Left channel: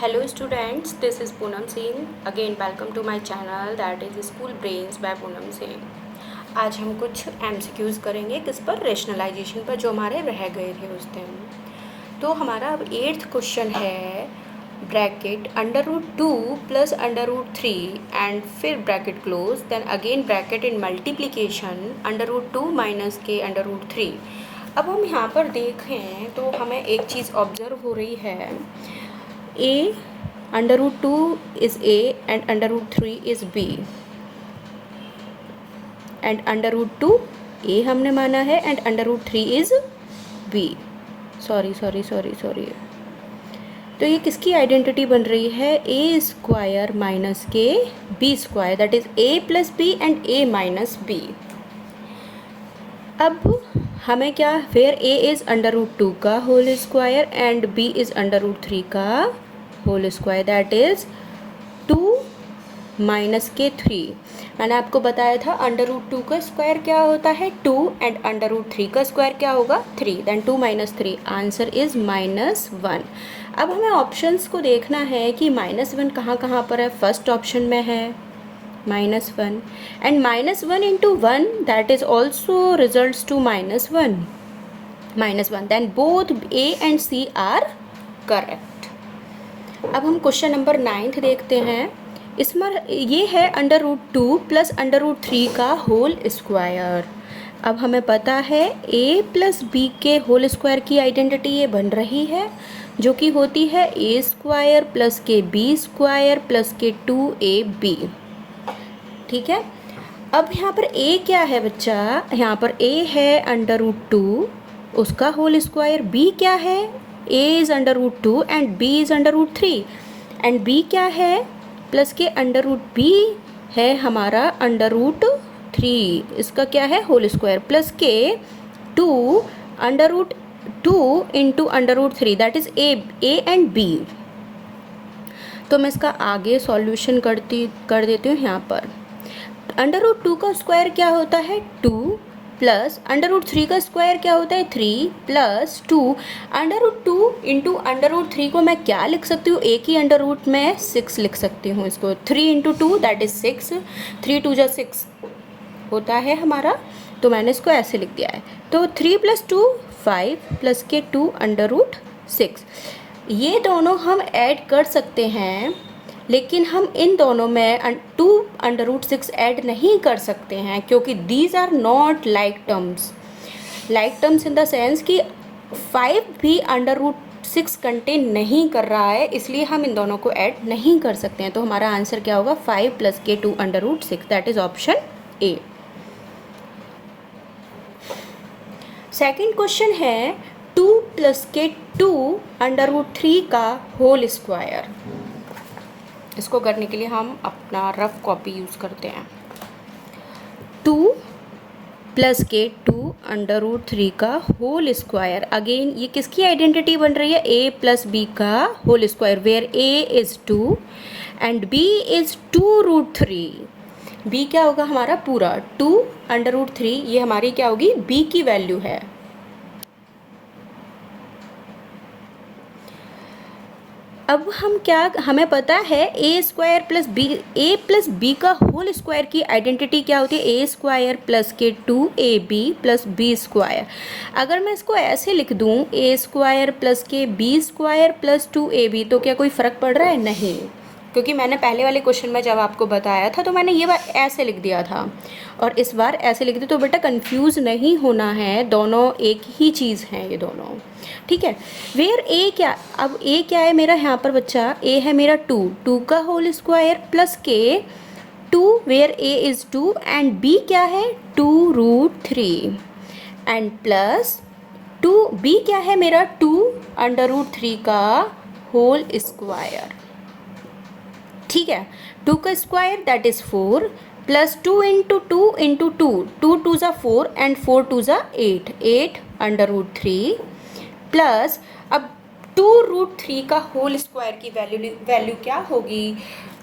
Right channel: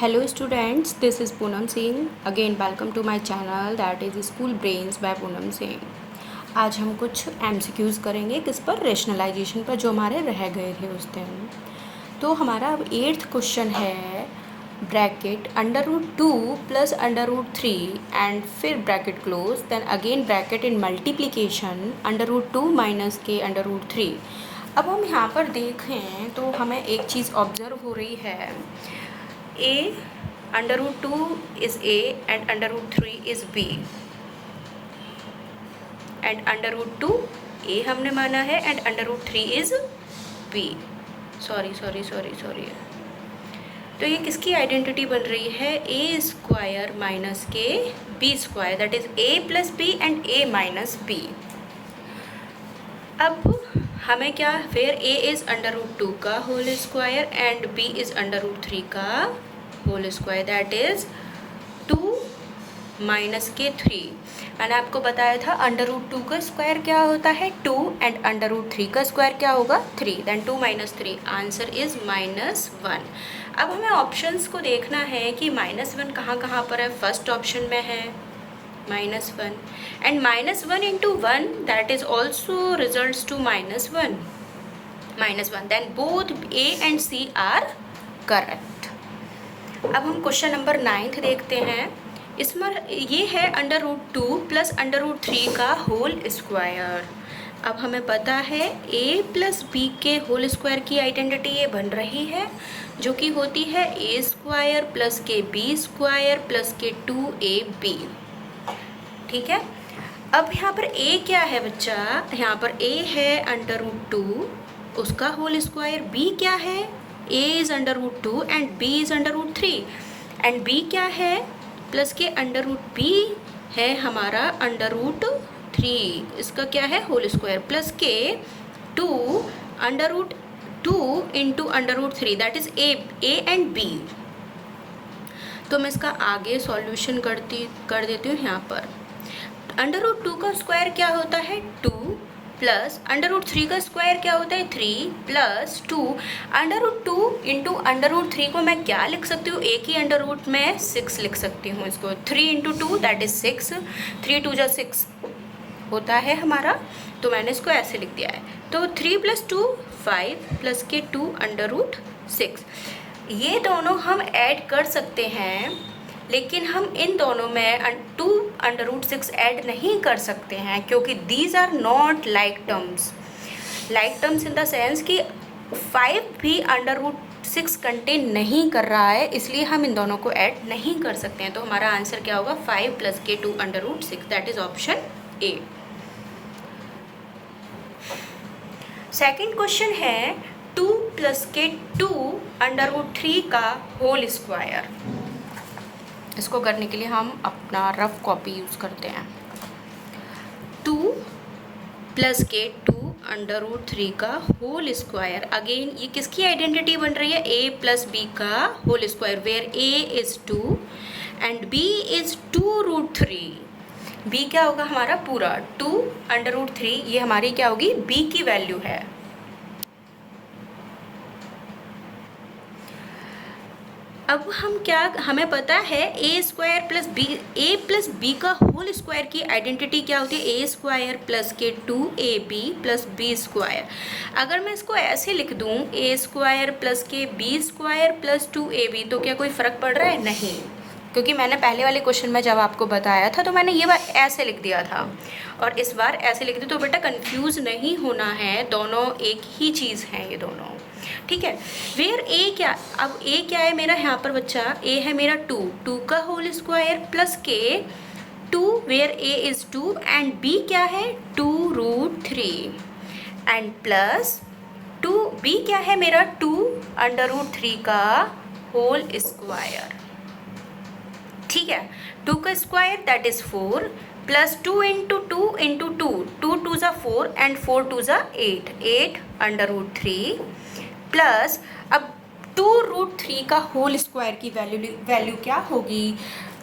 Hello students, this is Poonam Singh. Again welcome to my channel that is School Brains by Poonam Singh. आज हम कुछ MCQs करेंगे किस पर, rationalisation पर, जो हमारे रह गए थे उस दिन। तो हमारा अब 8th क्वेश्चन है ब्रैकेट √2 प्लस √3 एंड फिर bracket close, then again bracket in multiplication √2 minus के √3। अब हम यहाँ पर देखें तो हमें एक चीज़ ऑब्जर्व हो रही है, a √2 is a and √3 is b and √2 a हमने माना है and √3 is b। सॉरी तो ये किसकी आइडेंटिटी बन रही है, a स्क्वायर माइनस के b square, that is a plus b and a minus b। अब हमें क्या, वेयर a इज √2 का whole square and b is √3 का whole square, that is 2 minus के 3। मैंने आपको बताया था √2 का स्क्वायर क्या होता है 2 एंड √3 का स्क्वायर क्या होगा 3, देन 2 माइनस 3, आंसर इज -1। अब हमें ऑप्शंस को देखना है कि -1 कहाँ कहाँ पर है। फर्स्ट ऑप्शन में है -1 and -1 into 1 that is also results to -1, then both A and C are correct. अब हम क्वेश्चन नंबर 9 देखते हैं। इसमें ये है √2 प्लस √3 का होल स्क्वायर। अब हमें पता है a प्लस b के होल स्क्वायर की आइडेंटिटी ये बन रही है, जो कि होती है a स्क्वायर प्लस के b स्क्वायर प्लस के 2ab। ठीक है, अब यहाँ पर a क्या है बच्चा, यहाँ पर a है √2 उसका होल स्क्वायर, b क्या है, a is √2 and b is √3 and b क्या है, प्लस के √b है हमारा √3, इसका क्या है होल स्क्वायर, प्लस के 2 √2 into √3 that is a and b। तो मैं इसका आगे सॉल्यूशन कर देती हूँ। यहाँ पर √2 का स्क्वायर क्या होता है 2 प्लस √3 का स्क्वायर क्या होता है 3 प्लस 2 √2 इंटू √3 को मैं क्या लिख सकती हूँ, एक ही अंडर रूट में 6 लिख सकती हूँ इसको। 3 इंटू 2 दैट इज 6, 3 2 जा 6 होता है हमारा, तो मैंने इसको ऐसे लिख दिया है। तो 3 + 2 5 प्लस के 2 √6, ये दोनों हम ऐड कर सकते हैं, लेकिन हम इन दोनों में 2 √6 ऐड नहीं कर सकते हैं, क्योंकि these are not like terms in the sense कि 5 भी √6 कंटेन नहीं कर रहा है, इसलिए हम इन दोनों को ऐड नहीं कर सकते हैं। तो हमारा आंसर क्या होगा 5 प्लस के 2 √6, that is option A. Second question है 2 प्लस के 2 √3 का होल स्क्वायर। इसको करने के लिए हम अपना रफ कॉपी यूज़ करते हैं। 2 प्लस के 2 √3 का होल स्क्वायर, अगेन ये किसकी आइडेंटिटी बन रही है, a प्लस b का whole square, where a is 2 and b is 2√3। b क्या होगा हमारा पूरा 2 √3, ये हमारी क्या होगी b की वैल्यू है। अब हम क्या, हमें पता है a स्क्वायर प्लस b का होल स्क्वायर की आइडेंटिटी क्या होती है, a स्क्वायर प्लस के 2ab प्लस b स्क्वायर। अगर मैं इसको ऐसे लिख दूँ a स्क्वायर प्लस के b स्क्वायर प्लस 2ab, तो क्या कोई फ़र्क पड़ रहा है, नहीं, क्योंकि मैंने पहले वाले क्वेश्चन में जब आपको बताया था तो मैंने ये बार ऐसे लिख दिया था और इस बार ऐसे लिख दी। तो बेटा कंफ्यूज नहीं होना है, दोनों एक ही चीज़ हैं ये दोनों, ठीक है। वेयर ए क्या, अब ए क्या है मेरा यहाँ पर बच्चा, ए है मेरा 2 का होल स्क्वायर प्लस के 2 where A is 2 and B क्या है 2√3 एंड प्लस 2 बी क्या है मेरा 2 √3 का होल स्क्वायर। ठीक है, 2 का square that is 4 plus 2 into 2 into 2, 2 2 ज़ा 4 एंड 4 2 ज़ा 8, 8 √3 प्लस अब 2√3 का होल स्क्वायर की वैल्यू क्या होगी,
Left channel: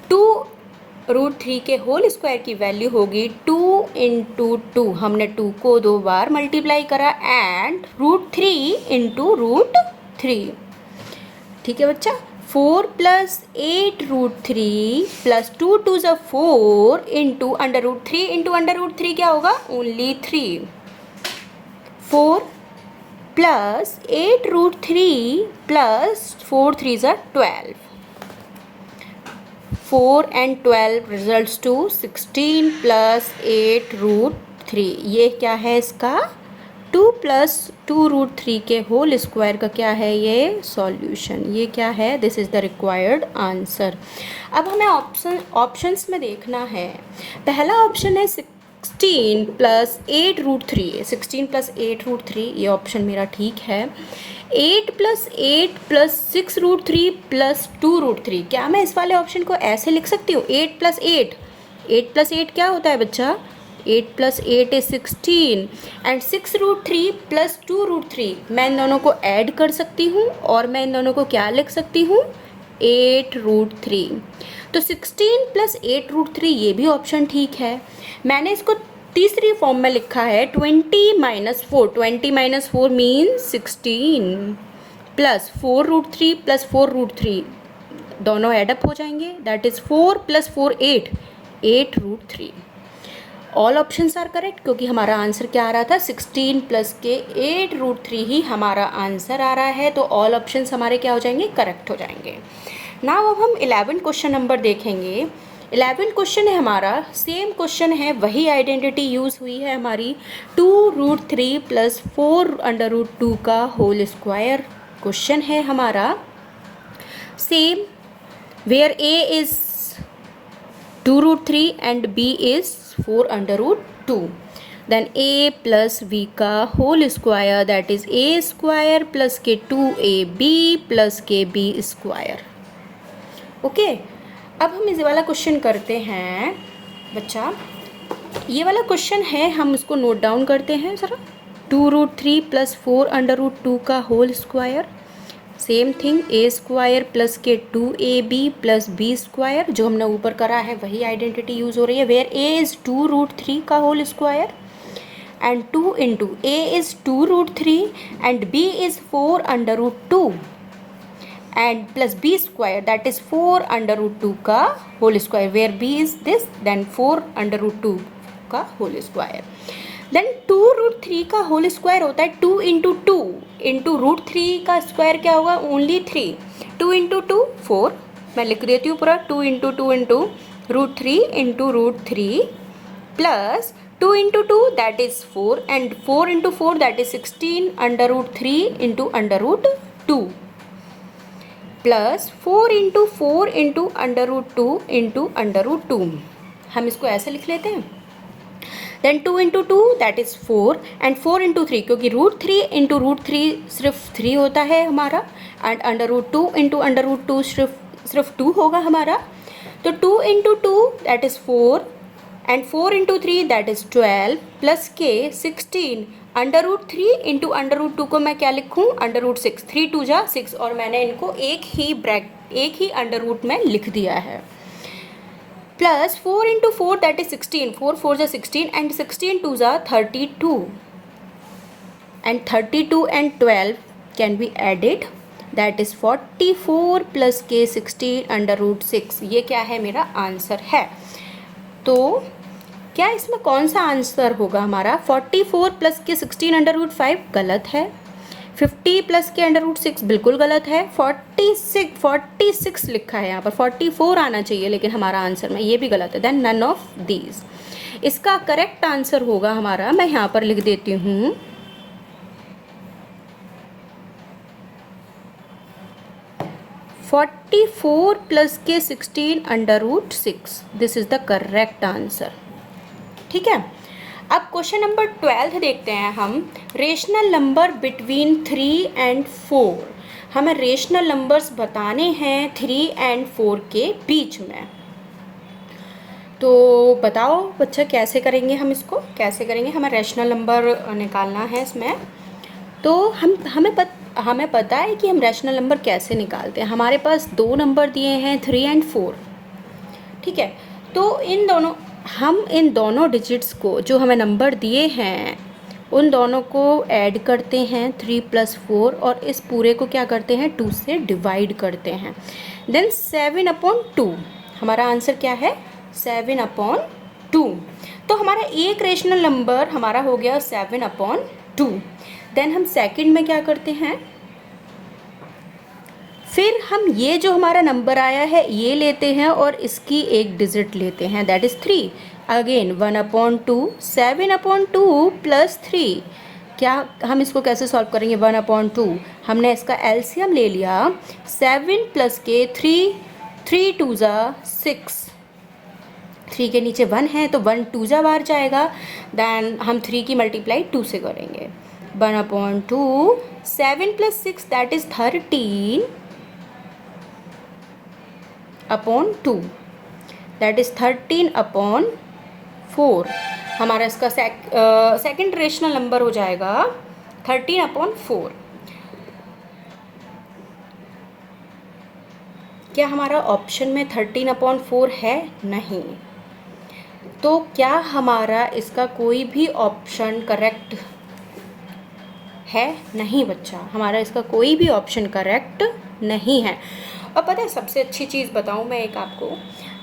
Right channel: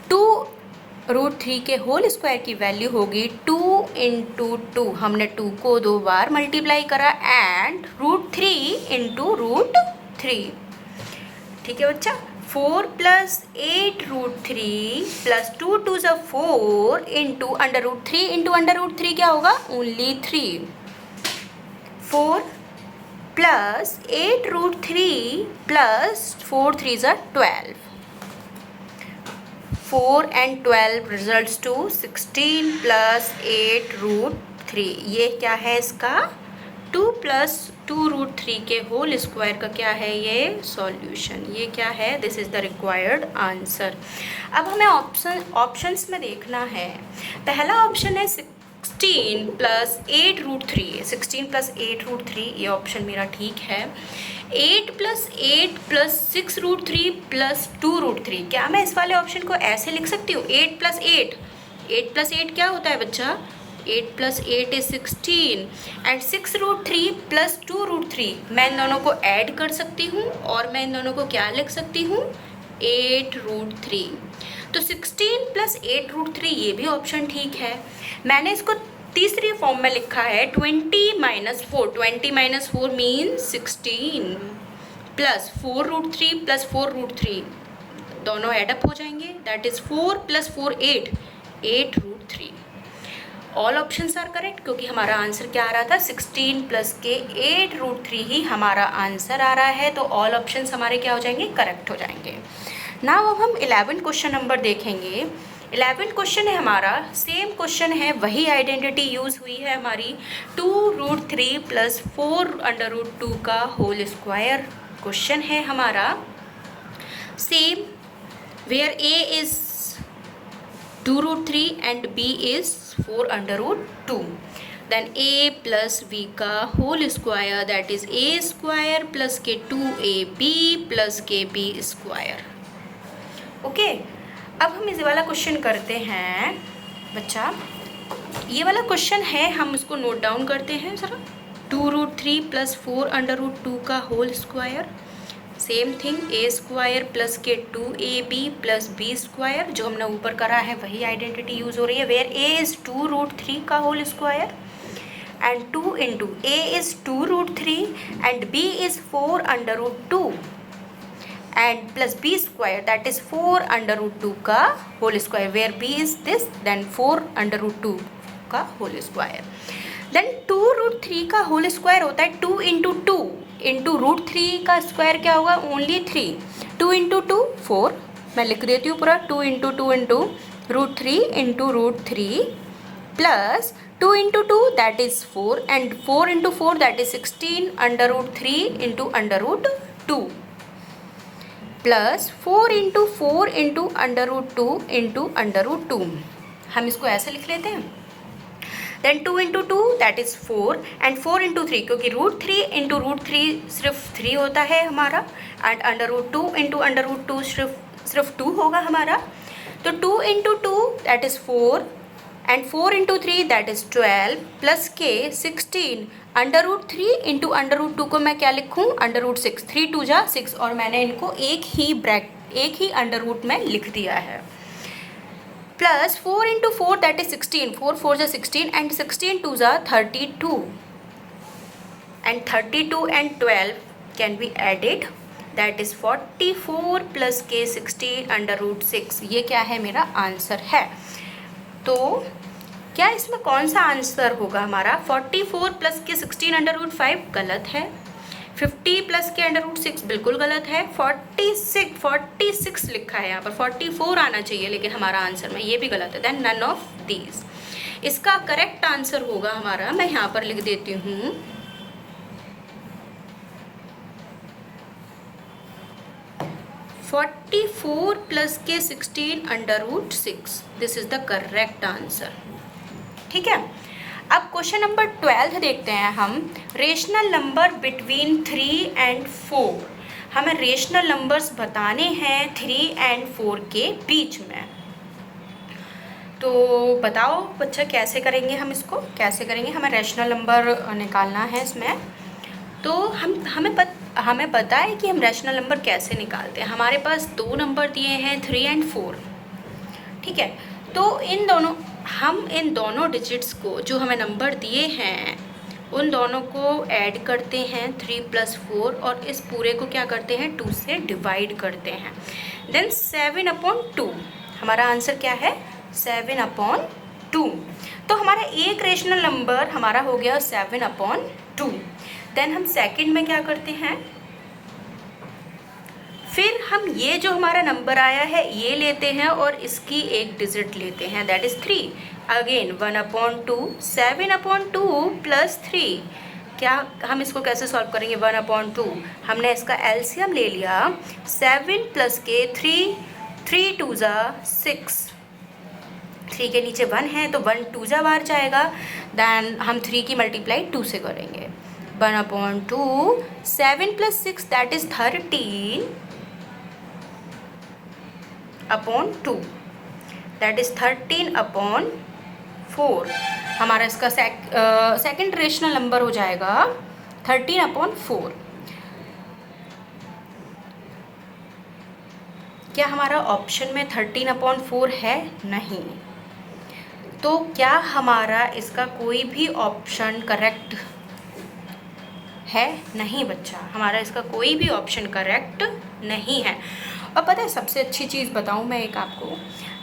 2√3 के होल स्क्वायर की वैल्यू होगी 2 इंटू 2, हमने 2 को 2 बार मल्टीप्लाई करा एंड √3 इंटू √3। ठीक है बच्चा, 4 प्लस 8 रूट 3 प्लस 2 टू ज़ा 4 into under root 3 into under root 3 क्या होगा? ओनली 3। 4 प्लस 8 रूट 3 प्लस 4 3 ज़ा 12। 4 and 12 results to 16 plus 8 root 3। ये क्या है इसका? 2 प्लस 2 रूट 3 के होल स्क्वायर का क्या है ये? सॉल्यूशन। ये क्या है? This is the required answer. अब हमें ऑप्शंस में देखना है। पहला ऑप्शन है 16 प्लस 8 रूट 3। 16 प्लस 8 रूट 3 ये ऑप्शन मेरा ठीक है। 8 plus 8 plus 6 root 3 plus 2 root 3। क्या मैं इस वाले ऑप्शन को ऐसे लिख सकती हूँ? 8 प्लस 8, 8 प्लस 8 क्या होता है बच्चा? 8 plus 8 is 16 and 6 root 3 plus 2 root 3। मैं इन दोनों को ऐड कर सकती हूँ और मैं इन दोनों को क्या लिख सकती हूँ? 8 रूट 3। तो 16 प्लस 8 रूट 3 ये भी ऑप्शन ठीक है। मैंने इसको तीसरी फॉर्म में लिखा है 20 minus 4। 20 minus 4 mean 16 plus 4 root 3 plus 4 root 3 दोनों एडअप हो जाएंगे। That is 4 plus 4 8, 8 root 3। All options are correct क्योंकि हमारा आंसर क्या आ रहा था? 16 प्लस के 8 रूट 3 ही हमारा आंसर आ रहा है। तो ऑल ऑप्शंस हमारे क्या हो जाएंगे? करेक्ट हो जाएंगे। नाउ अब हम 11 क्वेश्चन नंबर देखेंगे। 11 क्वेश्चन है हमारा, सेम क्वेश्चन है, वही आइडेंटिटी यूज़ हुई है हमारी। 2 रूट 3 प्लस 4 अंडर रूट 2 का होल स्क्वायर क्वेश्चन है हमारा। Same where A is 2 root 3 and B is 4 under root 2। Then a plus v का whole square that is a square plus के 2ab प्लस के b square. Okay, अब हम इस वाला क्वेश्चन करते हैं बच्चा। ये वाला क्वेश्चन है, हम उसको नोट डाउन करते हैं ज़रा। 2 रूट 3 प्लस 4 अंडर रूट 2 का whole square. Same thing, a square plus के 2ab प्लस b स्क्वायर। जो हमने ऊपर करा है वही आइडेंटिटी यूज़ हो रही है। वेयर a इज़ 2 रूट 3 का whole square and 2 into a is 2 root 3 and b is 4 under root 2 and plus b square that is 4 under root 2 का whole square. Where b is this then 4 under root 2 का whole square. Then 2 root 3 का whole square होता है 2 into 2 into root 3 का square क्या होगा? Only 3। 2 into 2 4। मैं लिख देती हूँ पूरा। 2 into 2 into root 3 into root 3 plus 2 into 2 that is 4 and 4 into 4 that is 16 under root 3 into under root 2 plus 4 into 4 into under root 2 into under root 2। हम इसको ऐसे लिख लेते हैं। Then 2 into 2 that is 4 and 4 into 3 क्योंकि root 3 into root 3 सिर्फ 3 होता है हमारा and under root 2 into under root 2 सिर्फ 2 होगा हमारा। तो 2 into 2 that is 4 and 4 into 3 that is 12 plus के 16 under root 3 into under root 2 को मैं क्या लिखूँ? Under root 6। 3 2 जा 6 और मैंने इनको एक ही अंडर रूट में लिख दिया है। Plus 4 into 4 that is 16। 4 4 जा 16 एंड 16 2 जा 32 and 32 and 12 can be added that is 44 plus के 16 अंडर रूट 6। ये क्या है? मेरा आंसर है। तो क्या इसमें कौन सा आंसर होगा हमारा? 44 प्लस के 16 अंडर रूट 5 गलत है। 50 प्लस के अंडर रूट 6 बिल्कुल गलत है। 46 लिखा है यहाँ पर, 44 आना चाहिए लेकिन हमारा आंसर में ये भी गलत है। Then none of these. इसका करेक्ट आंसर होगा हमारा, मैं यहाँ पर लिख देती हूँ, 44 प्लस के 16 under root 6। This is the correct answer. ठीक है, अब क्वेश्चन नंबर 12 देखते हैं हम। Rational number between 3 and 4। हमें रेशनल नंबर्स बताने हैं 3 एंड 4 के बीच में। तो बताओ बच्चे कैसे करेंगे हम इसको? कैसे करेंगे? हमें रेशनल नंबर निकालना है इसमें। तो हमें पता है कि हम रेशनल नंबर कैसे निकालते हैं। हमारे पास 2 नंबर दिए हैं 3 एंड 4। ठीक है, तो इन दोनों डिजिट्स को जो हमें नंबर दिए हैं उन दोनों को ऐड करते हैं 3 + 4 और इस पूरे को क्या करते हैं 2 से डिवाइड करते हैं। देन 7/2 हमारा आंसर क्या है 7/2। तो हमारा एक रेशनल नंबर हमारा हो गया 7/2। देन हम सेकंड में क्या करते हैं, फिर हम ये जो हमारा नंबर आया है ये लेते हैं और इसकी एक डिजिट लेते हैं, दैट इज़ 3। अगेन 1/2 7/2 + 3। क्या हम इसको कैसे सॉल्व करेंगे 1/2, हमने इसका एलसीएम ले लिया 7 + के 3 3 2 6, 3 के नीचे 1 है तो 1 2 बाहर जाएगा। देन हम 3 की मल्टीप्लाई 2 से करेंगे 1/2 7 + 6 दैट इज़ 13/2 दैट इज़ 13/4। हमारा इसका सेकंड रेशनल नंबर हो जाएगा 13/4। क्या हमारा ऑप्शन में 13/4 है? नहीं। तो क्या हमारा इसका कोई भी ऑप्शन करेक्ट है? नहीं बच्चा, हमारा इसका कोई भी ऑप्शन करेक्ट नहीं है। और पता है सबसे अच्छी चीज़ बताऊं मैं एक आपको,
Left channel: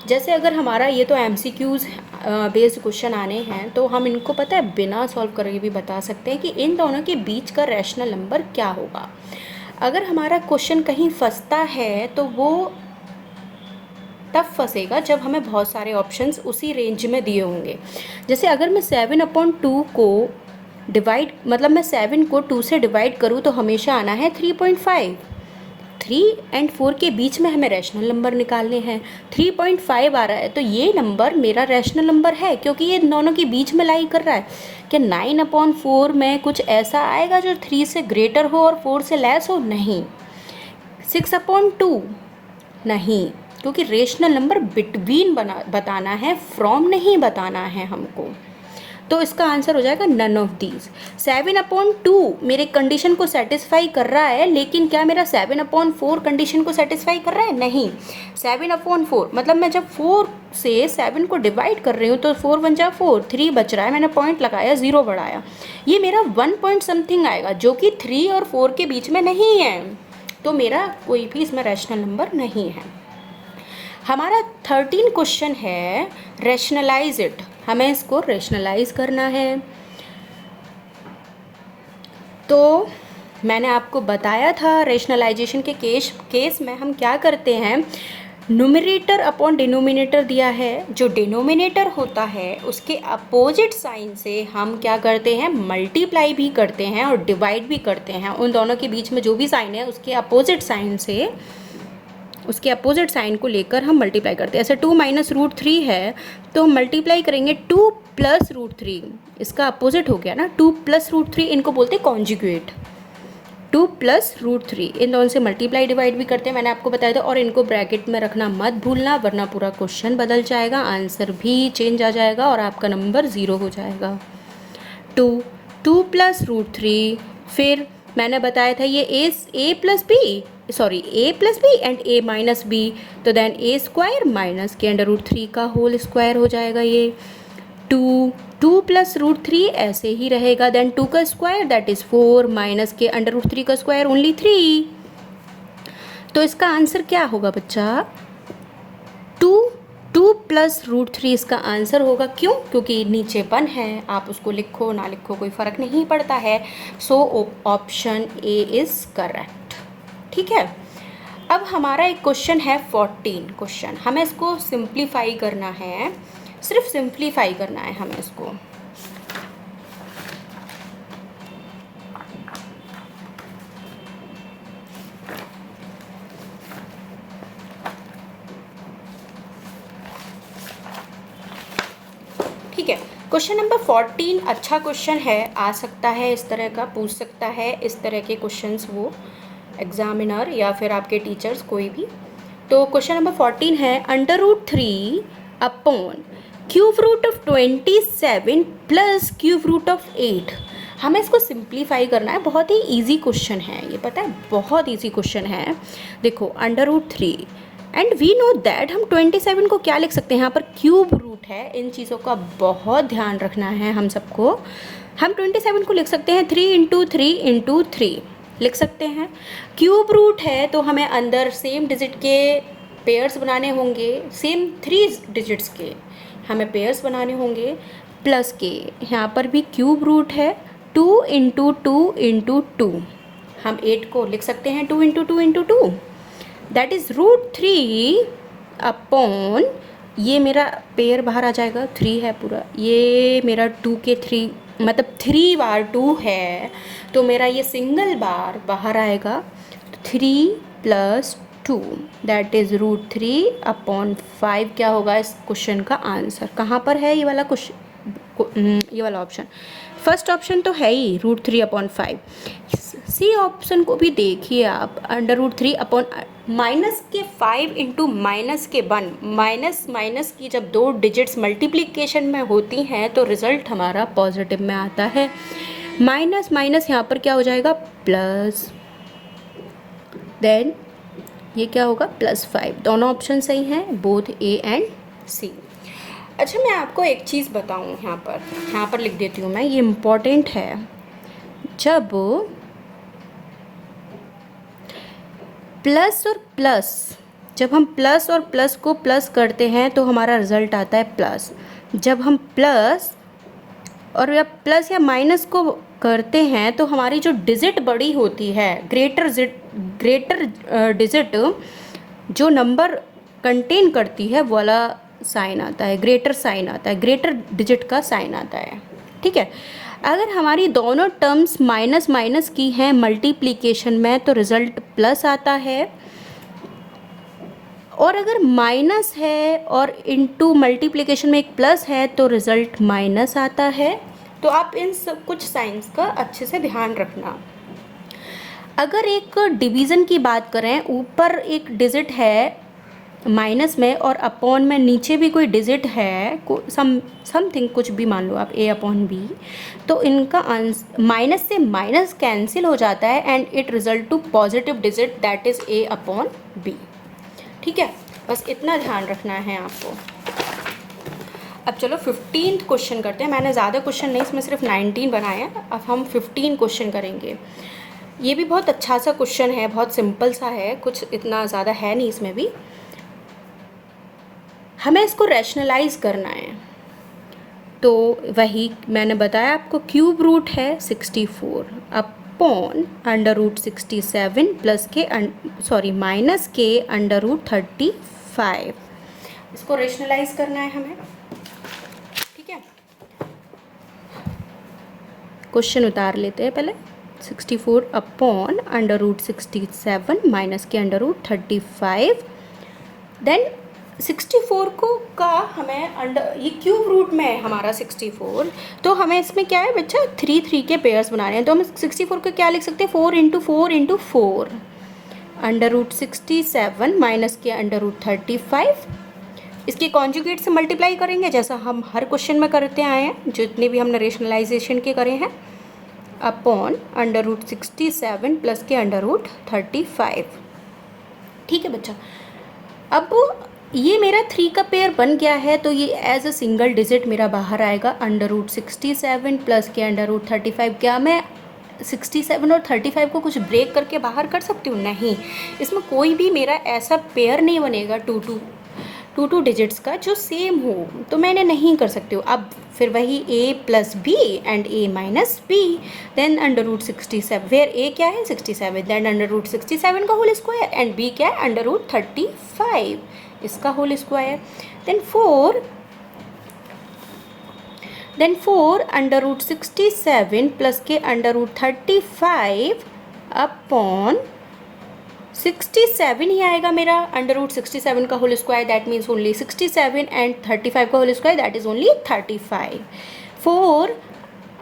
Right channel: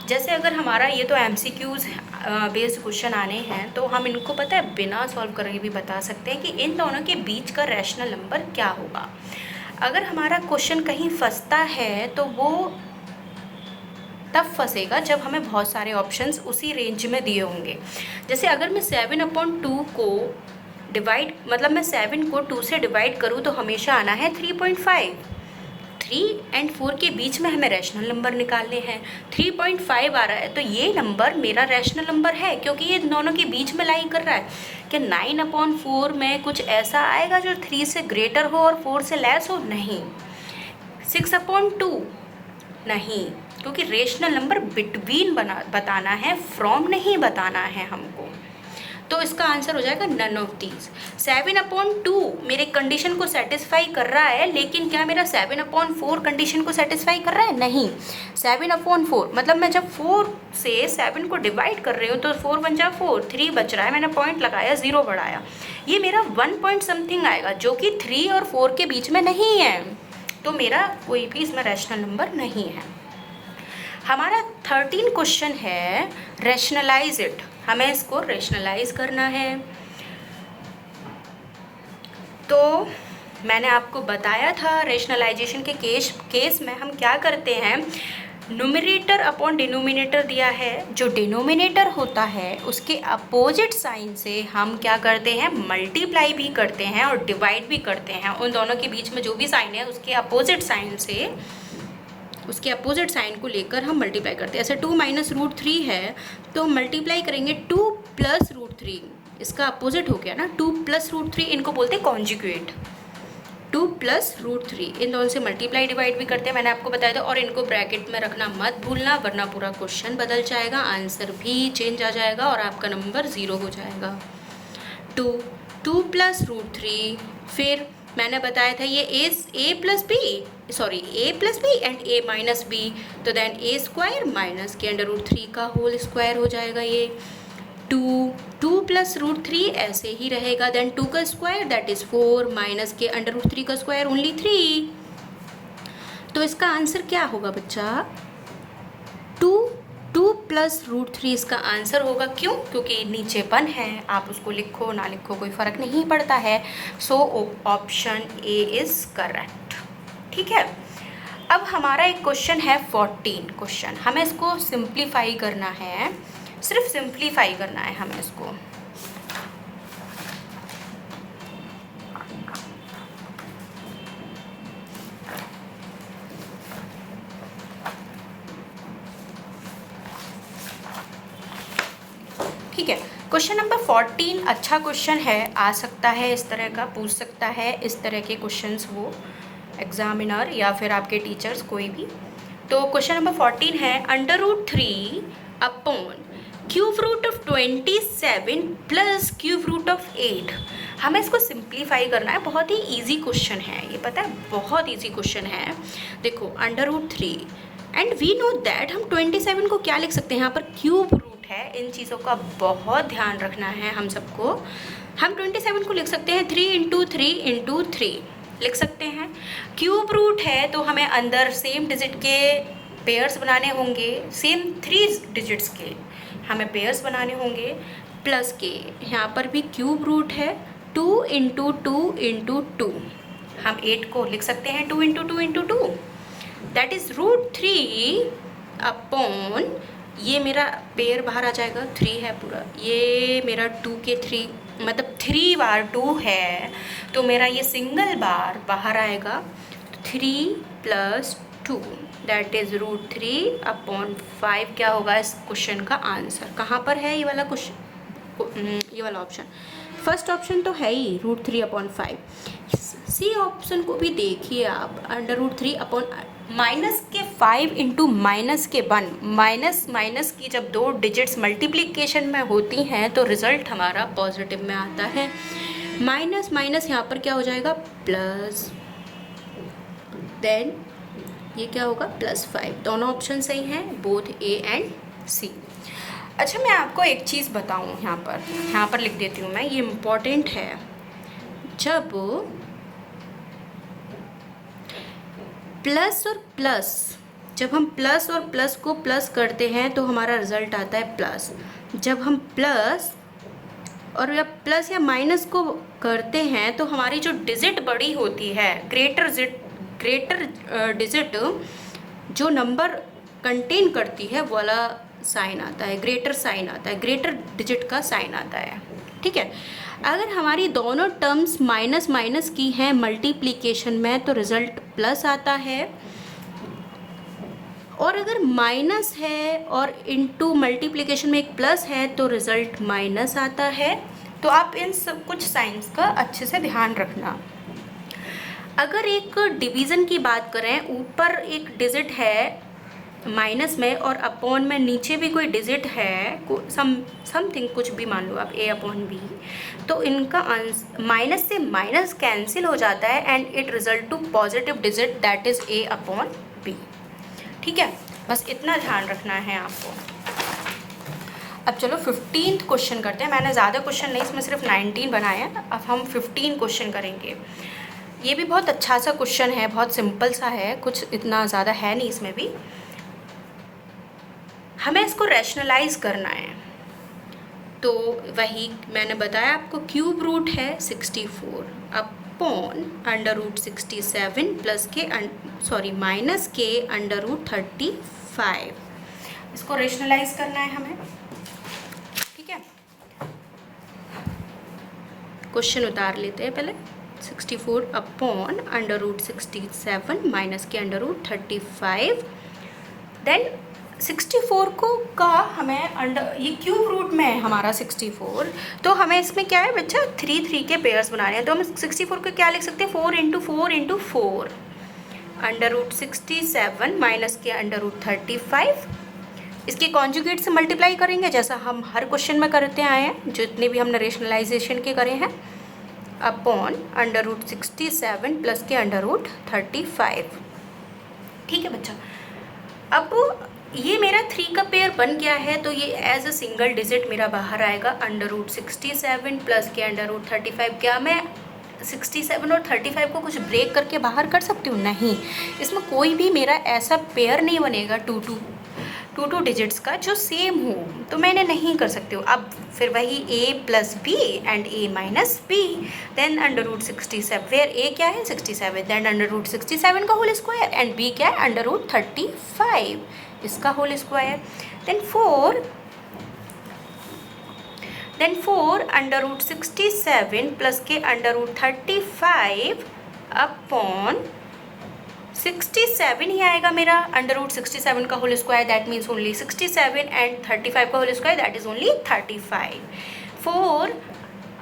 जैसे अगर हमारा ये तो MCQs बेस्ड क्वेश्चन आने हैं तो हम इनको पता है बिना सॉल्व करके भी बता सकते हैं कि इन दोनों के बीच का रैशनल नंबर क्या होगा। अगर हमारा क्वेश्चन कहीं फंसता है तो वो तब फंसेगा जब हमें बहुत सारे ऑप्शंस उसी रेंज में दिए होंगे। जैसे अगर मैं 7/2 को डिवाइड मतलब मैं 7 को 2 से डिवाइड करूँ तो हमेशा आना है 3.5। 3 और 4 के बीच में हमें रैशनल नंबर निकालने हैं। 3.5 आ रहा है तो ये नंबर मेरा रैशनल नंबर है क्योंकि ये दोनों के बीच में लाई कर रहा है। कि 9/4 में कुछ ऐसा आएगा जो 3 से ग्रेटर हो और 4 से लेस हो? नहीं। 6/2 नहीं, क्योंकि रेशनल नंबर बिटवीन बताना है, फ्रॉम नहीं बताना है हमको। तो इसका आंसर हो जाएगा नन ऑफ दीज। 7/2 मेरे कंडीशन को सेटिस्फाई कर रहा है, लेकिन क्या मेरा 7/4 कंडीशन को सेटिस्फाई कर रहा है? नहीं। 7/4 मतलब मैं जब 4 से 7 को डिवाइड कर रही हूँ तो 4 × 1 = 4, 3 बच रहा है, मैंने पॉइंट लगाया, 0 बढ़ाया, ये मेरा 1 पॉइंट समथिंग आएगा जो कि 3 और 4 के बीच में नहीं है। तो मेरा कोई भी इसमें रैशनल नंबर नहीं है। हमारा 13 क्वेश्चन है रैशनलाइज इट। हमें इसको रैशनलाइज करना है। तो मैंने आपको बताया था रैशनलाइजेशन के केस में हम क्या करते हैं, न्यूमरेटर अपॉन डिनोमिनेटर दिया है, जो डिनोमिनेटर होता है उसके अपोजिट साइन से हम क्या करते हैं, मल्टीप्लाई भी करते हैं और डिवाइड भी करते हैं। उन दोनों के बीच में जो भी साइन है उसके अपोजिट साइन को लेकर हम मल्टीप्लाई करते हैं। ऐसे 2 - √3 है तो हम मल्टीप्लाई करेंगे 2 + √3, इसका अपोजिट हो गया ना, 2 + √3, इनको बोलते हैं कॉन्जुगेट। 2 + √3 इन दोनों से मल्टीप्लाई डिवाइड भी करते हैं, मैंने आपको बताया था। और इनको ब्रैकेट में रखना मत भूलना, वरना पूरा क्वेश्चन बदल जाएगा, आंसर भी चेंज आ जाएगा और आपका नंबर 0 हो जाएगा। 2 + √3, फिर मैंने बताया था ये a + b and a - b, तो देन a² - के √3 का होल स्क्वायर हो जाएगा। ये 2 + √3 ऐसे ही रहेगा, देन 2 का स्क्वायर दैट इज़ 4 - के √3 का स्क्वायर ओनली 3। तो इसका आंसर क्या होगा बच्चा, 2 + √3 इसका आंसर होगा। क्यों? क्योंकि नीचे 1 है, आप उसको लिखो ना लिखो कोई फ़र्क नहीं पड़ता है। So option A is correct. ठीक है। अब हमारा एक क्वेश्चन है 14 क्वेश्चन, हमें इसको सिंप्लीफाई करना है, सिर्फ सिंप्लीफाई करना है हमें इसको। ठीक है, क्वेश्चन नंबर 14 अच्छा क्वेश्चन है, आ सकता है इस तरह का, पूछ सकता है इस तरह के क्वेश्चंस वो एग्जामिनर या फिर आपके टीचर्स कोई भी। तो क्वेश्चन नंबर 14 है √3 upon cube root of 27 plus cube root of 8। हमें इसको सिंप्लीफाई करना है, बहुत ही इजी क्वेश्चन है ये, पता है बहुत इजी क्वेश्चन है। देखो √3 एंड वी नो दैट हम 27 को क्या लिख सकते हैं, यहाँ पर क्यूब रूट है, इन चीज़ों का बहुत ध्यान रखना है हम सबको। हम 27 को लिख सकते हैं 3 इंटू 3 लिख सकते हैं। क्यूब रूट है तो हमें अंदर सेम डिजिट के पेयर्स बनाने होंगे, सेम 3 डिजिट्स के हमें पेयर्स बनाने होंगे, प्लस के यहाँ पर भी क्यूब रूट है 2 इंटू 2 हम 8 को लिख सकते हैं 2 इंटू 2 दैट इज़ √3 अपॉन, ये मेरा पेयर बाहर आ जाएगा, 3 है पूरा, ये मेरा 2 के 3 मतलब 3 बार 2 है तो मेरा ये सिंगल बार बाहर आएगा 3 + 2 दैट इज़ √3 अपॉन 5 क्या होगा इस क्वेश्चन का आंसर। कहाँ पर है ये वाला क्वेश्चन, ये वाला ऑप्शन, फर्स्ट ऑप्शन तो है ही √3 अपॉन 5। सी ऑप्शन को भी देखिए आप, √3 अपॉन माइनस के 5 इंटू माइनस के 1, माइनस की जब 2 डिजिट्स मल्टीप्लिकेशन में होती हैं तो रिज़ल्ट हमारा पॉजिटिव में आता है। माइनस यहाँ पर क्या हो जाएगा प्लस, देन ये क्या होगा +5। दोनों ऑप्शन सही हैं, बोथ ए एंड सी। अच्छा मैं आपको एक चीज़ बताऊं, यहाँ पर लिख देती हूँ मैं, ये इम्पॉर्टेंट है। जब प्लस और प्लस, जब हम प्लस और प्लस को प्लस करते हैं तो हमारा रिजल्ट आता है प्लस। जब हम प्लस और या प्लस या माइनस को करते हैं तो हमारी जो डिजिट बड़ी होती है, ग्रेटर डिजिट जो नंबर कंटेन करती है वो वाला साइन आता है, ग्रेटर साइन आता है, ग्रेटर डिजिट का साइन आता है। ठीक है, अगर हमारी दोनों टर्म्स माइनस माइनस की हैं मल्टीप्लिकेशन में तो रिज़ल्ट प्लस आता है, और अगर माइनस है और इनटू मल्टीप्लिकेशन में एक प्लस है तो रिज़ल्ट माइनस आता है। तो आप इन सब कुछ साइंस का अच्छे से ध्यान रखना। अगर एक डिवीज़न की बात करें, ऊपर एक डिजिट है माइनस में और अपॉन में नीचे भी कोई डिजिट है, समथिंग कुछ भी मान लो आप a/b, तो इनका आंसर माइनस से माइनस कैंसिल हो जाता है and it result to positive digit that is a/b। ठीक है, बस इतना ध्यान रखना है आपको। अब चलो 15th क्वेश्चन करते हैं। मैंने ज़्यादा क्वेश्चन नहीं, इसमें सिर्फ 19 बनाया है। अब हम 15 क्वेश्चन करेंगे। ये भी बहुत अच्छा सा क्वेश्चन है, बहुत सिंपल सा है, कुछ इतना ज़्यादा है नहीं इसमें भी। हमें इसको रैशनलाइज करना है, तो वही मैंने बताया आपको, क्यूब रूट है 64 अपॉन √67 प्लस के माइनस के √35। इसको रैशनलाइज करना है हमें। ठीक है, क्वेश्चन उतार लेते हैं पहले। 64 अपॉन √67 माइनस के √35, देन 64 को का हमें ये क्यूब रूट में है हमारा 64, तो हमें इसमें क्या है बच्चा 3 के पेयर्स बनाने हैं। तो हम 64 को क्या लिख सकते हैं 4 इंटू 4 √67 माइनस के √35। इसके कॉन्जुगेट से मल्टीप्लाई करेंगे जैसा हम हर क्वेश्चन में करते आए हैं, जितने भी हमने रेशनलाइजेशन के करे हैं, अपॉन √67 प्लस के √35। ठीक है बच्चा, अब ये मेरा 3 का पेयर बन गया है, तो ये एज अ सिंगल डिजिट मेरा बाहर आएगा √67 प्लस के √35। क्या मैं 67 और 35 को कुछ ब्रेक करके बाहर कर सकती हूँ? नहीं, इसमें कोई भी मेरा ऐसा पेयर नहीं बनेगा टू डिजिट्स का जो सेम हो, तो मैंने नहीं कर सकती हूँ। अब फिर वही a+b and a-b, then √67, where a क्या है 67, देन √67 का होल स्क्वायर एंड b क्या है √35 इसका होल स्क्वायर, देन 4 √67 प्लस के √35 अपॉन 67 ही आएगा मेरा √67 का whole square, that means only 67 and 35 का whole square that is only 35। 4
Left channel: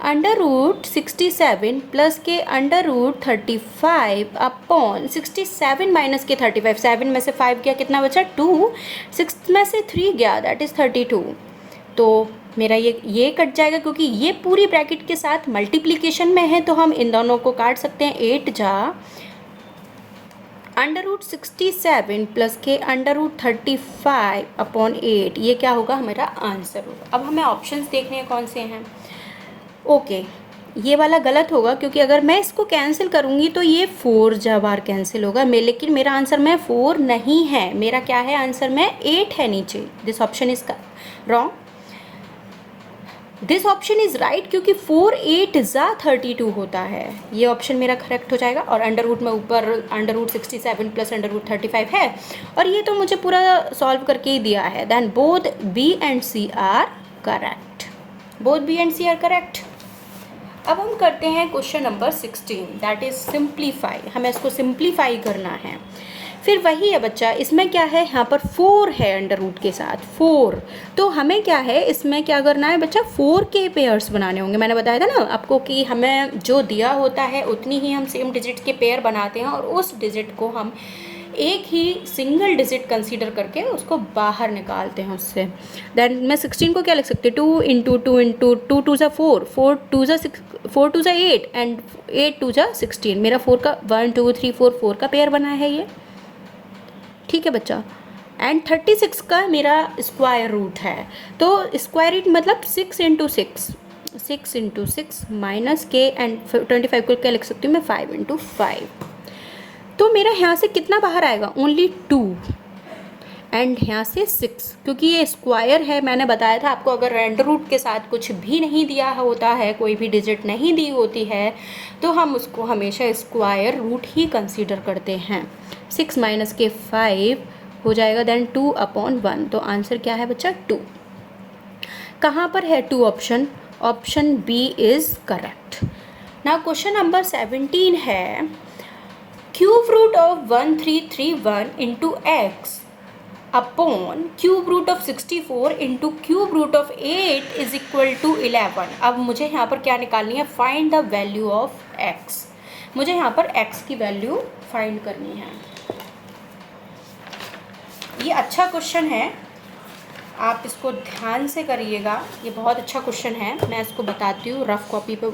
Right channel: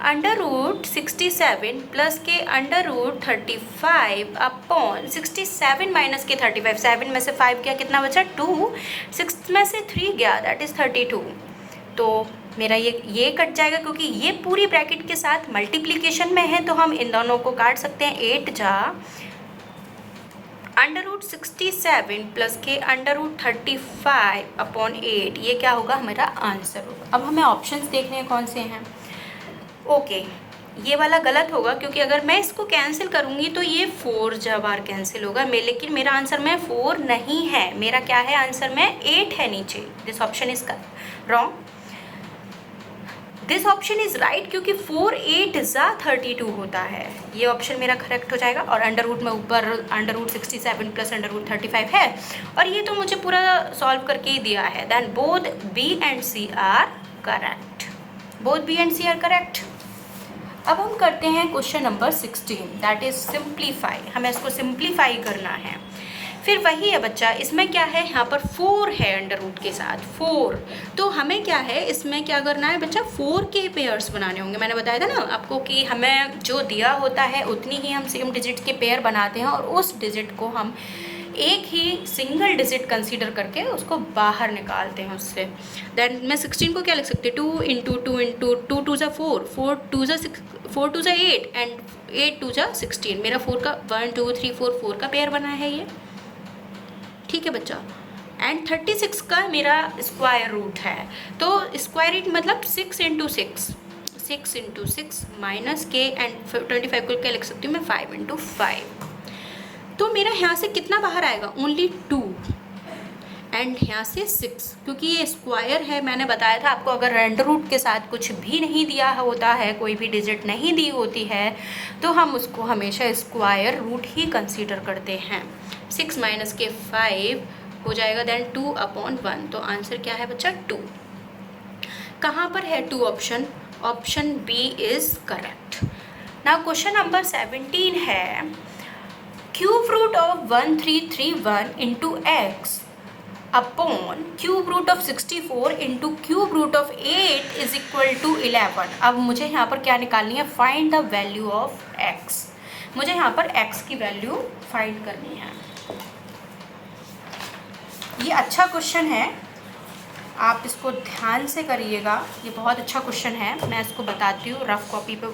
√67 plus के √35 अपॉन 67 माइनस के 35, 7 में से 5 गया कितना बचा 2, 6 में से 3 गया दैट इज़ 32। तो मेरा ये कट जाएगा क्योंकि ये पूरी ब्रैकेट के साथ मल्टीप्लिकेशन में है, तो हम इन दोनों को काट सकते हैं। 8 जा √67 प्लस के √35 अपॉन 8, ये क्या होगा हमारा आंसर होगा। अब हमें ऑप्शंस देखने हैं कौन से हैं। ओके, ये वाला गलत होगा क्योंकि अगर मैं इसको कैंसिल करूँगी तो ये 4 बार कैंसिल होगा लेकिन मेरा आंसर में 4 नहीं है, मेरा क्या है आंसर में 8 है नीचे। This option is wrong. This option is right क्योंकि 4 8 ज़ा 32 होता है, ये ऑप्शन मेरा करेक्ट हो जाएगा। और अंडर रूट में ऊपर under root 67 plus under root 35 है और ये तो मुझे पूरा सॉल्व करके ही दिया है। Then both B and C are correct, both B and C are correct. अब हम करते हैं question number 16, that is simplify. हमें इसको सिंप्लीफाई करना है। फिर वही है बच्चा, इसमें क्या है, यहाँ पर 4 है अंडर रूट के साथ 4, तो हमें क्या है इसमें क्या करना है बच्चा, 4 के पेयर्स बनाने होंगे। मैंने बताया था ना आपको कि हमें जो दिया होता है उतनी ही हम सेम डिजिट के पेयर बनाते हैं और उस डिजिट को हम एक ही सिंगल डिजिट कंसीडर करके उसको बाहर निकालते हैं उससे। दैन मैं 16 को क्या लिख सकती हूँ, 2 इंटू 2 इंटू 2 2 ज़ा 4, 4 2 ज़ा 8 एंड 8 2 ज़ा 16। मेरा 4 का 1 2 3 4 4 का पेयर बना है ये, ठीक है बच्चा। एंड 36 का मेरा स्क्वायर रूट है, तो स्क्वायर रूट मतलब 6 इंटू 6 माइनस के एंड 25 को क्या लिख सकती हूँ मैं, 5 इंटू 5। तो मेरा यहाँ से कितना बाहर आएगा, ओनली 2 एंड यहाँ से 6, क्योंकि ये स्क्वायर है। मैंने बताया था आपको अगर अंडर रूट के साथ कुछ भी नहीं दिया होता है, कोई भी डिजिट नहीं दी होती है, तो हम उसको हमेशा स्क्वायर रूट ही कंसीडर करते हैं। 6 माइनस के 5 हो जाएगा, देन 2/1। तो आंसर क्या है बच्चा, 2। कहाँ पर है 2 option, option B is correct. Now question number 17 है, cube root of 1331 into x upon cube root of 64 into cube root of 8 is equal to 11। अब मुझे यहाँ पर क्या निकालनी है, find the value of x. मुझे यहाँ पर एक्स की वैल्यू फाइंड करनी है। ये अच्छा क्वेश्चन है, आप इसको ध्यान से करिएगा, ये बहुत अच्छा क्वेश्चन है। मैं इसको बताती हूँ, रफ कॉपी पे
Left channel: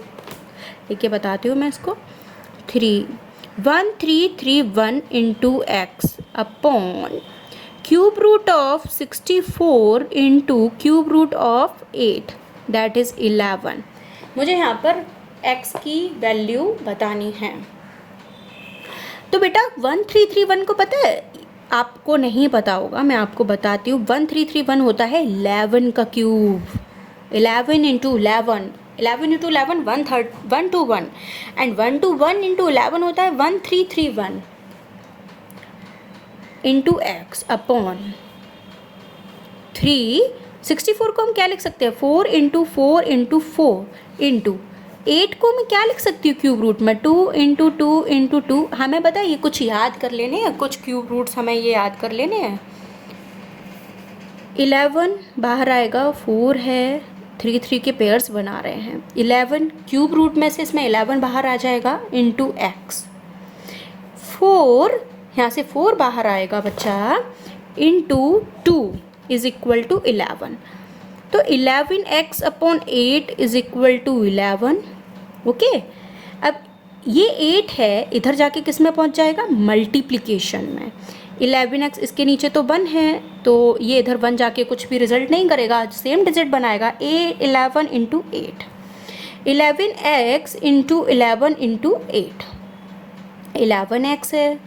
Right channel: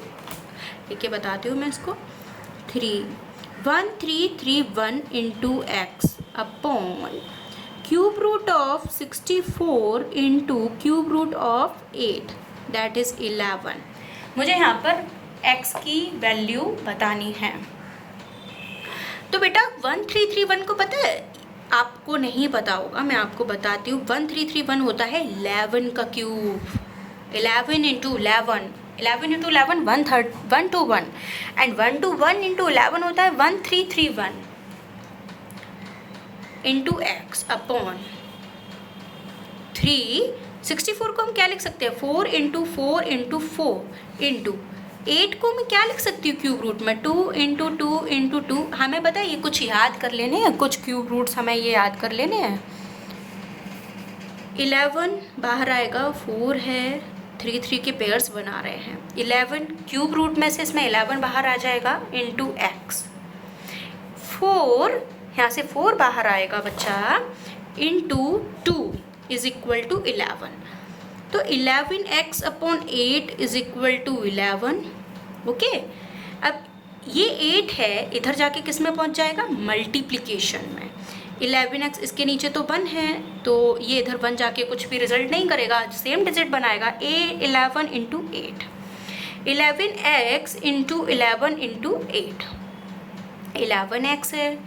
लिख के बताती हूँ मैं इसको। 1331 into x upon cube root of 64 into cube root of 8 that is 11। मुझे यहाँ पर x की वैल्यू बतानी है। तो बेटा 1331 को पता है, आपको नहीं पता होगा, मैं आपको बताती हूँ। 1331 होता है 11 का cube, 11 into 11, 11 into 11 121 and 121 into 11 होता है 1331 इंटू एक्स अपॉन 364 को हम क्या लिख सकते हैं, 4 इंटू 4 इंटू 4 इंटू 8 को मैं क्या लिख सकती हूँ क्यूब रूट में, 2 इंटू 2 इंटू 2। हमें पता है ये कुछ याद कर लेने हैं, कुछ क्यूब रूट्स हमें ये याद कर लेने हैं। 11 बाहर आएगा, 4 है, 3 3 के पेयर्स बना रहे हैं। 11 क्यूब रूट में से इसमें 11 बाहर आ जाएगा इंटू एक्स। 4 यहाँ से 4 बाहर आएगा बच्चा, इंटू 2 इज इक्वल टू 11। तो 11x upon 8 is equal to 11। Okay, अब ये 8 है, इधर जाके किस में पहुँच जाएगा, मल्टीप्लिकेशन में। 11x इसके नीचे तो 1 है, तो ये इधर 1 जाके कुछ भी रिजल्ट नहीं करेगा, सेम डिजिट बनाएगा। 11 into 8, 11x into 11 into 8, 11x है,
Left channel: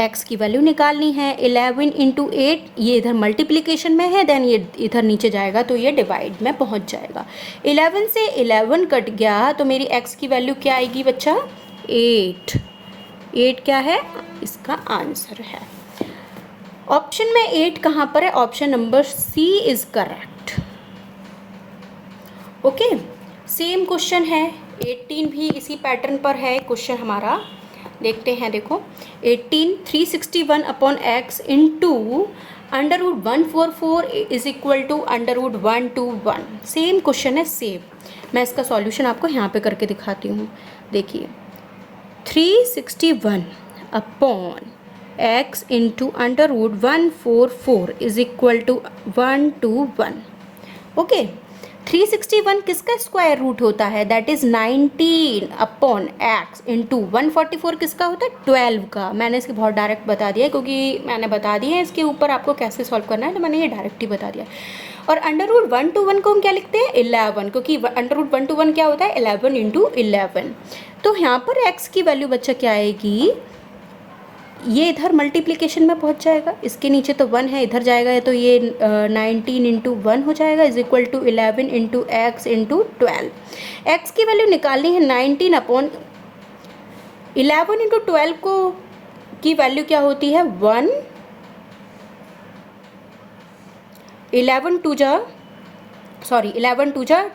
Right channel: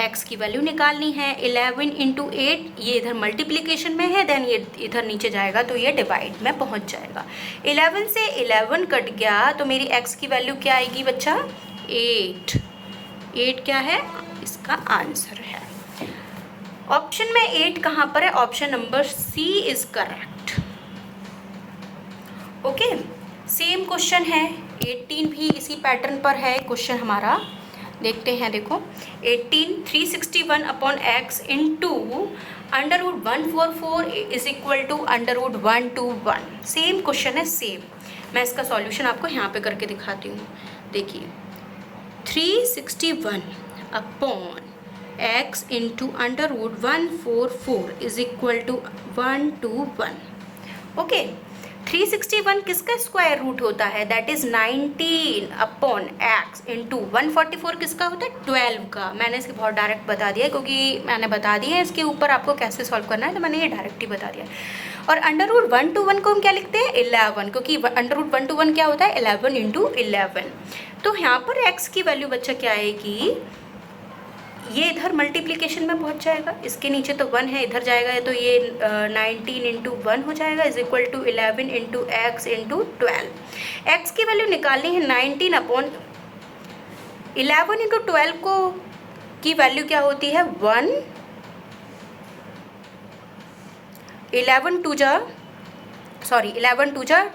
x की वैल्यू निकालनी है। 11 इंटू 8 ये इधर मल्टीप्लिकेशन में है, देन ये इधर नीचे जाएगा तो ये डिवाइड में पहुंच जाएगा। 11 से 11 कट गया तो मेरी x की वैल्यू क्या आएगी बच्चा, 8। 8 क्या है, इसका आंसर है। ऑप्शन में 8 कहाँ पर है, option number C is correct. Okay, same question है, 18 भी इसी पैटर्न पर है क्वेश्चन हमारा। देखते हैं, देखो 18 361 upon x into under root 144 is equal to under root 121। Same question है, सेम। मैं इसका सॉल्यूशन आपको यहाँ पे करके दिखाती हूँ। देखिए 361 upon x into under root 144 is equal to 121। Okay, 361 किसका स्क्वायर रूट होता है, that is 19 upon x into 144 किसका होता है, 12 का। मैंने इसके बहुत डायरेक्ट बता दिया क्योंकि मैंने बता दिया है इसके ऊपर आपको कैसे सॉल्व करना है, तो मैंने ये डायरेक्ट ही बता दिया। और अंडर रूट 1 to 1 को हम क्या लिखते हैं 11, क्योंकि अंडर रूट 1 to 1 क्या होता है 11 इंटू 11। तो यहाँ पर x की वैल्यू बच्चा क्या आएगी, ये इधर मल्टीप्लिकेशन में पहुँच जाएगा, इसके नीचे तो 1 है, इधर जाएगा तो ये 19 इंटू 1 हो जाएगा is equal to 11 into x into 12। X की वैल्यू निकालनी है 19 अपॉन 11 इंटू 12 को की वैल्यू क्या होती है 1, 11 टू जा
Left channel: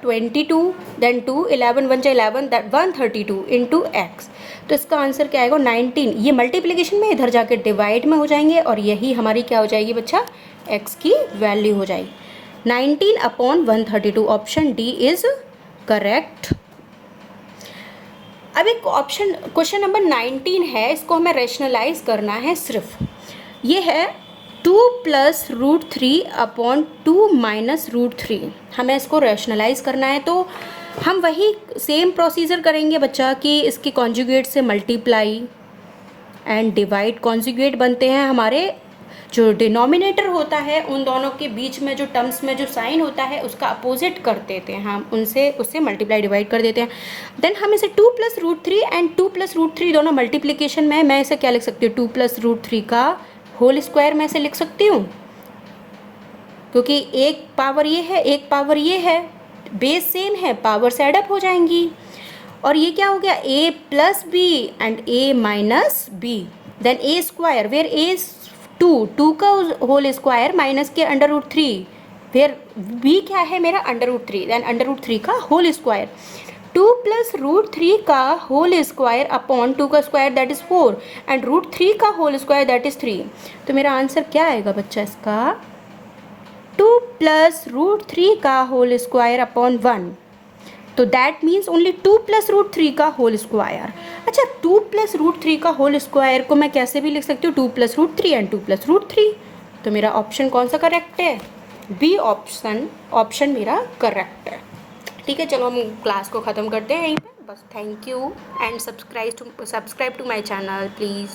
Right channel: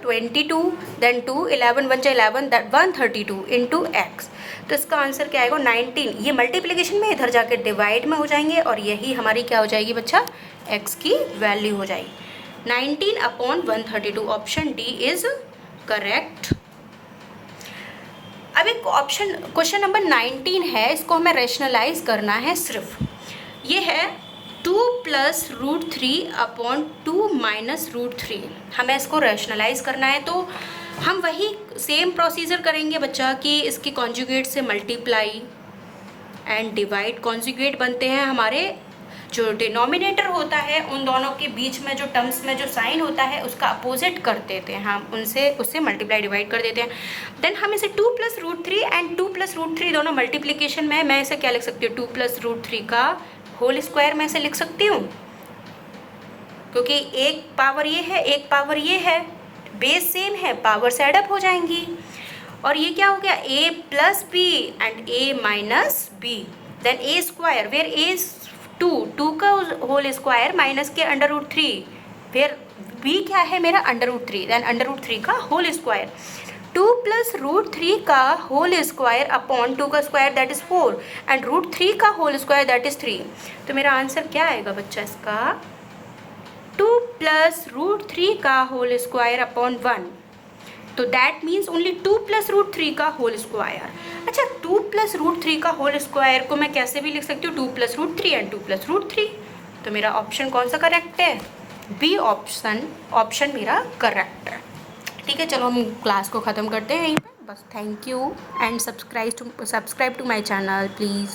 22, देन 2, 11 1 जा 11, दैट 132 इंटू एक्स। तो इसका आंसर क्या आएगा 19। ये मल्टीप्लिकेशन में इधर जाके डिवाइड में हो जाएंगे और यही हमारी क्या हो जाएगी बच्चा x की वैल्यू हो जाएगी 19 upon 132। Option D is correct. अब एक ऑप्शन क्वेश्चन नंबर 19 है, इसको हमें रैशनलाइज करना है सिर्फ। ये है 2 plus root 3 upon 2 minus root 3। हमें इसको रैशनलाइज करना है, तो हम वही सेम प्रोसीजर करेंगे बच्चा कि इसके कॉन्जुगेट से मल्टीप्लाई एंड डिवाइड। कॉन्जुगेट बनते हैं हमारे जो डिनोमिनेटर होता है उन दोनों के बीच में जो टर्म्स में जो साइन होता है उसका अपोजिट कर देते हैं हम, उससे मल्टीप्लाई डिवाइड कर देते हैं। देन हम इसे 2 plus root 3 and 2 plus root 3 दोनों मल्टीप्लिकेशन में, मैं इसे क्या लिख सकती हूँ 2 प्लस रूट 3 का होल स्क्वायर में इसे लिख सकती हूँ, क्योंकि एक पावर ये है एक पावर ये है, बेस सेम है, पावर से एडअप हो जाएंगी। और ये क्या हो गया a plus B and a minus B, then a square where a is 2 का होल स्क्वायर माइनस के अंडर रूट 3, वेयर b क्या है मेरा under root 3, then under root 3 का होल स्क्वायर। 2 प्लस रूट 3 का होल स्क्वायर अपॉन 2 का square that is 4 and root 3 का whole square that is 3। तो मेरा आंसर क्या आएगा बच्चा इसका 2 प्लस रूट 3 का होल स्क्वायर अपॉन 1। तो that means only 2 plus root 3 का होल स्क्वायर। अच्छा 2 प्लस रूट 3 का होल स्क्वायर को मैं कैसे भी लिख सकती हूँ 2 plus root 3 and 2 plus root 3। तो मेरा ऑप्शन कौन सा करेक्ट है, बी ऑप्शन मेरा करेक्ट है। ठीक है, चलो हम क्लास को ख़त्म करते हैं यहीं पर बस। Thank you and subscribe to my channel please.